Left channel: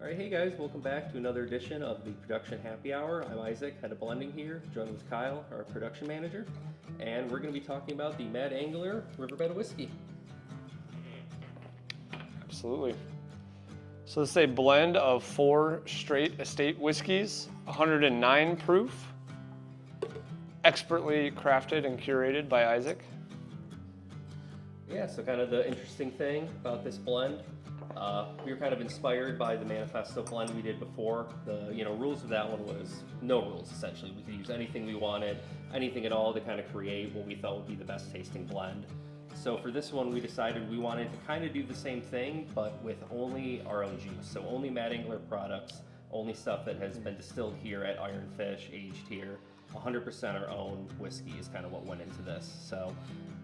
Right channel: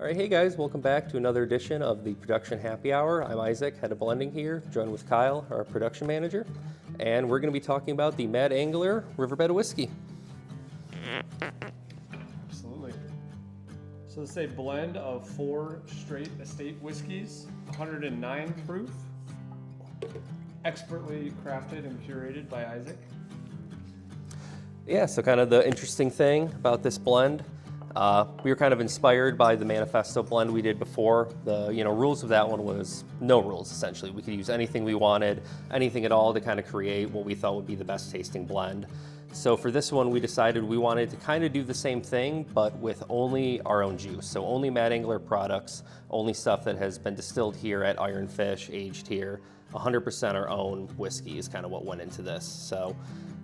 All right, hey guys, welcome back to another edition of the Production Happy Hour. I'm Isaac, head of blending here, joined with Kyle, our production manager, and we're going to be talking about the Mad Angler Riverbed whiskey. Absolutely. So this is a blend of 4 straight estate whiskeys, 109 proof, expertly crafted and curated by Isaac. Yeah, so kind of the interesting thing about this blend, we were kind of inspired by the Manifesto blend we did before. The rules of that one was no rules, essentially. We could use anything we wanted, anything at all to kind of create what we thought would be the best tasting blend. So for this one, we decided we wanted to kind of do the same thing, but with only our own juice. So only Mad Angler products, only stuff that has been distilled here at Iron Fish, aged here. 100% our own whiskey is kind of what went into this. So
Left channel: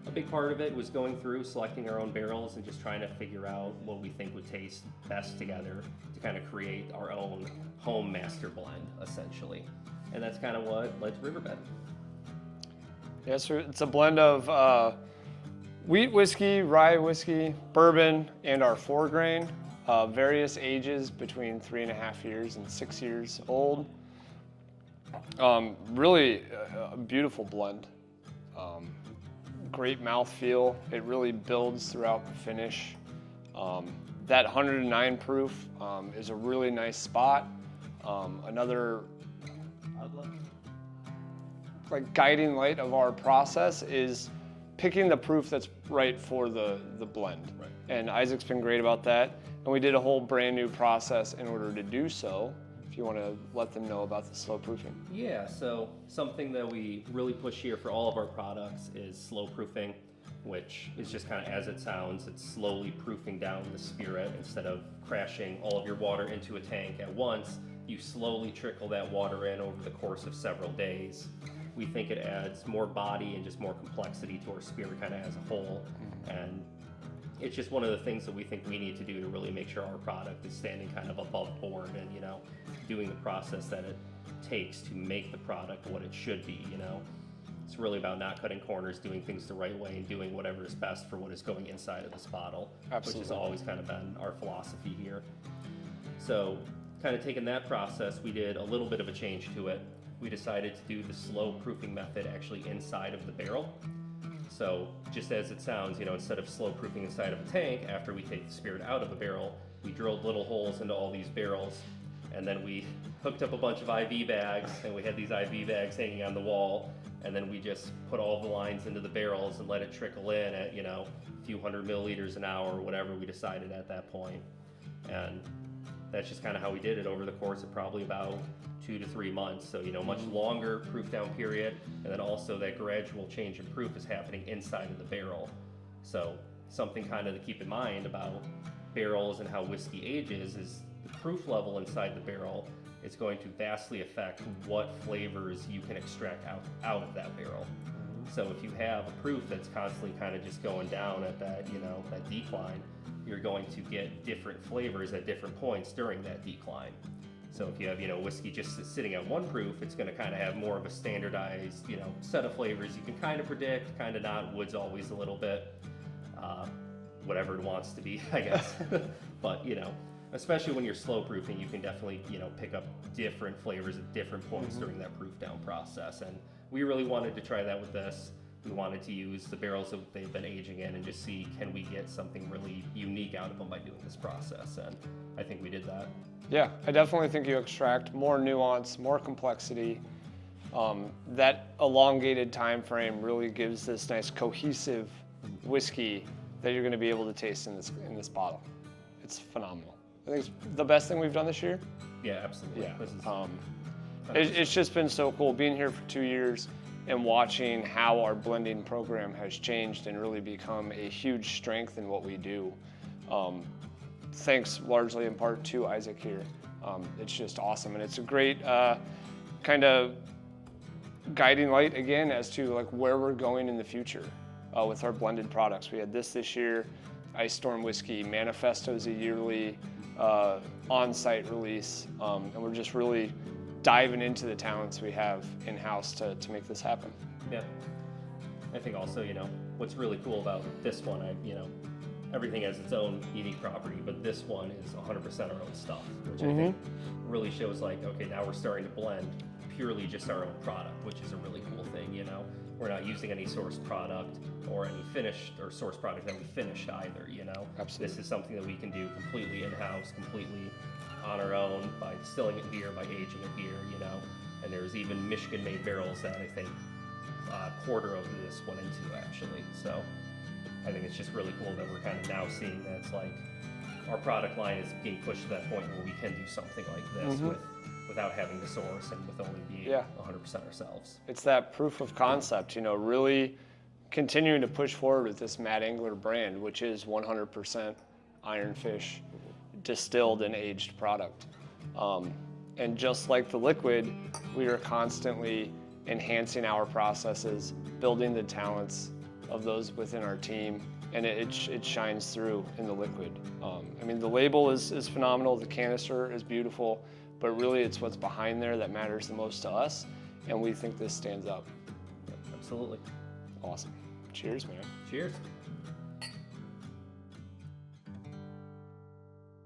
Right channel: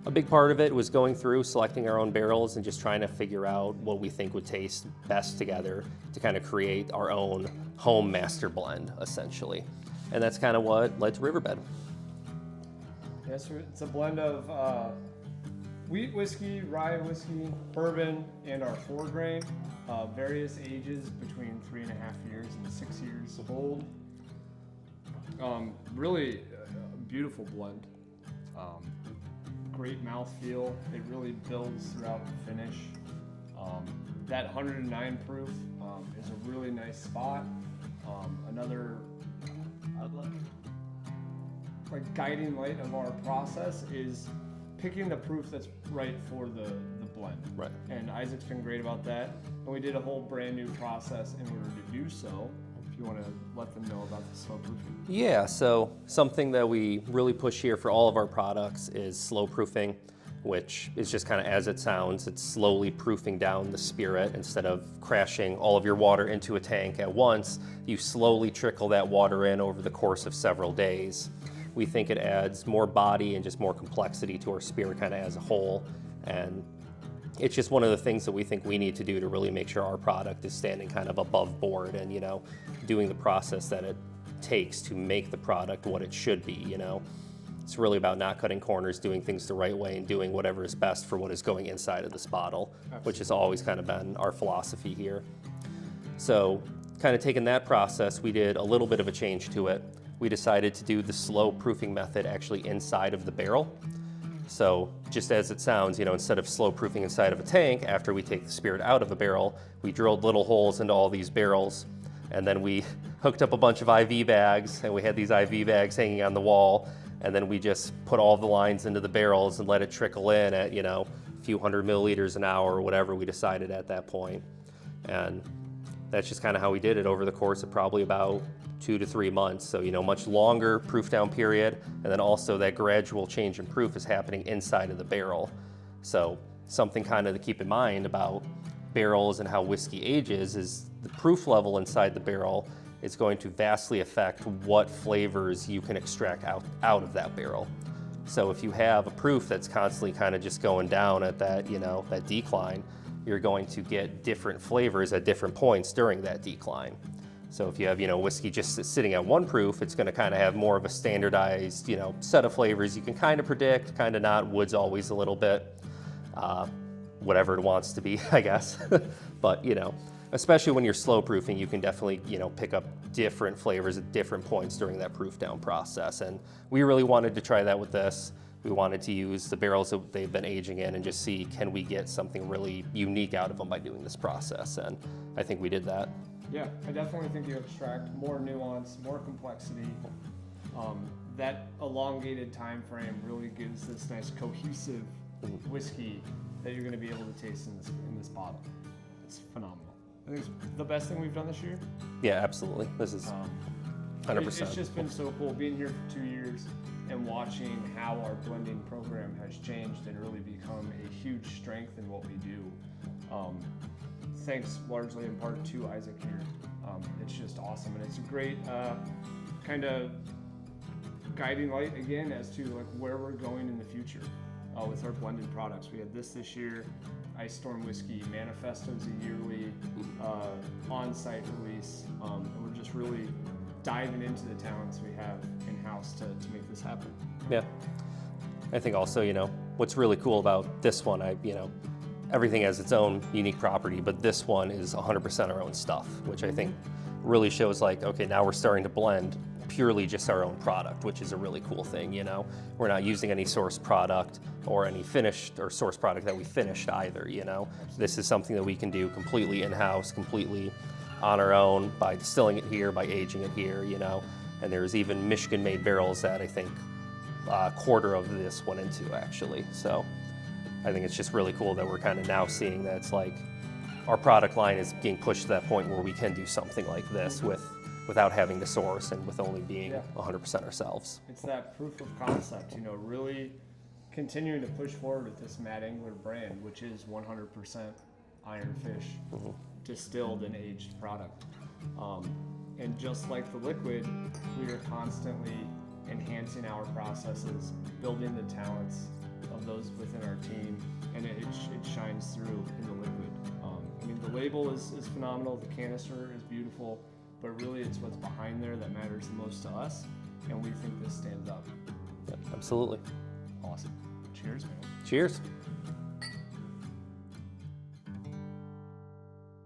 a big part of it was going through, selecting our own barrels and just trying to figure out what we think would taste best together to kind of create our own home master blend, essentially. And that's kind of what led to Riverbed. Yeah, so it's a blend of wheat whiskey, rye whiskey, bourbon, and our 4-grain, various ages between 3.5 years and 6 years old. Really a beautiful blend. Great mouthfeel. It really builds throughout the finish. That 109 proof is a really nice spot. Another guiding light of our process is picking the proof that's right for the blend. Right. And Isaac's been great about that. And we did a whole brand new process in order to do so. If you want to let them know about the slow proofing. Yeah, so something that we really push here for all of our products is slow proofing, which is just kind of as it sounds. It's slowly proofing down the spirit. Instead of crashing all of your water into a tank at once, you slowly trickle that water in over the course of several days. We think it adds more body and just more complexity to our spirit kind of as a whole. And it's just one of the things that we think we need to do to really make sure our product is standing kind of above board and, doing the process that it takes to make the product what it should be, It's really about not cutting corners, doing things the right way, and doing whatever is best for what is going inside of this bottle, Absolutely. Which has always kind of been our philosophy here. So kind of taking that process, we did a little bit of a change to it. We decided to do the slow proofing method actually inside of the barrel. So just as it sounds, instead of slow proofing inside of a tank, after we take the spirit out of a barrel, we drilled little holes into all these barrels, and then we hooked up a bunch of IV bags, and we had these IV bags hanging on the wall, and then we just put all the lines into the barrels and let it trickle in at, a few hundred milliliters an hour or whatever we decided at that point. And that's just kind of how we did it over the course of probably about 2 to 3 months. So, much longer proof down period. And then also that gradual change in proof is happening inside of the barrel. So something kind of to keep in mind about barrels and how whiskey ages is the proof level inside the barrel is going to vastly affect what flavors you can extract out of that barrel. So if you have a proof that's constantly kind of just going down at that, that decline, you're going to get different flavors at different points during that decline. So if you have, whiskey just sitting at 1 proof, it's going to kind of have more of a standardized, set of flavors you can kind of predict, kind of not. Wood's always a little bit, whatever it wants to be, I guess. But, especially when you're slow proofing, you can definitely, pick up different flavors at different points during that proof down process. And we really wanted to try that with this. We wanted to use the barrels that they've been aging in and just see, can we get something really unique out of them by doing this process? And I think we did that. Yeah, I definitely think you extract more nuance, more complexity. That elongated time frame really gives this nice cohesive whiskey that you're going to be able to taste in this bottle. It's phenomenal. I think it's the best thing we've done this year. Yeah, absolutely. Yeah. This is 100%. It's just been so cool being here for 2 years and watching how our blending program has changed and really become a huge strength in what we do. Thanks largely in part to Isaac here. It's just awesome, and it's a great kind of guiding light again as to where we're going in the future with our blended products. We had this year, Ice Storm Whiskey. Manifesto's a yearly on-site release, and we're just really diving into the talents we have in-house to make this happen. Yeah. I think also, what's really cool about this one, everything has its own unique property, but this one is 100% our own stuff, which I think really shows like, okay, now we're starting to blend purely just our own product, which is a really cool thing, you know? We're not using any source product or any finished or source product that we finished either, you know? Absolutely. This is something that we can do completely in-house, completely on our own by distilling it here, by aging it here, you know? And there's even Michigan-made barrels that I think a quarter of this went into actually. So I think it's just really cool that we're kind of now seeing that it's like our product line is being pushed to that point where we can do something like this without having to source and with only being 100% ourselves. It's that proof of concept, you know, really continuing to push forward with this Mad Angler brand, which is 100% ironfish distilled and aged product. And just like the liquid, we are constantly enhancing our processes, building the talents of those within our team, and it shines through in the liquid. I mean, the label is phenomenal, the canister is beautiful, but really it's what's behind there that matters the most to us, and we think this stands up. Absolutely. Awesome. Cheers, man. Cheers.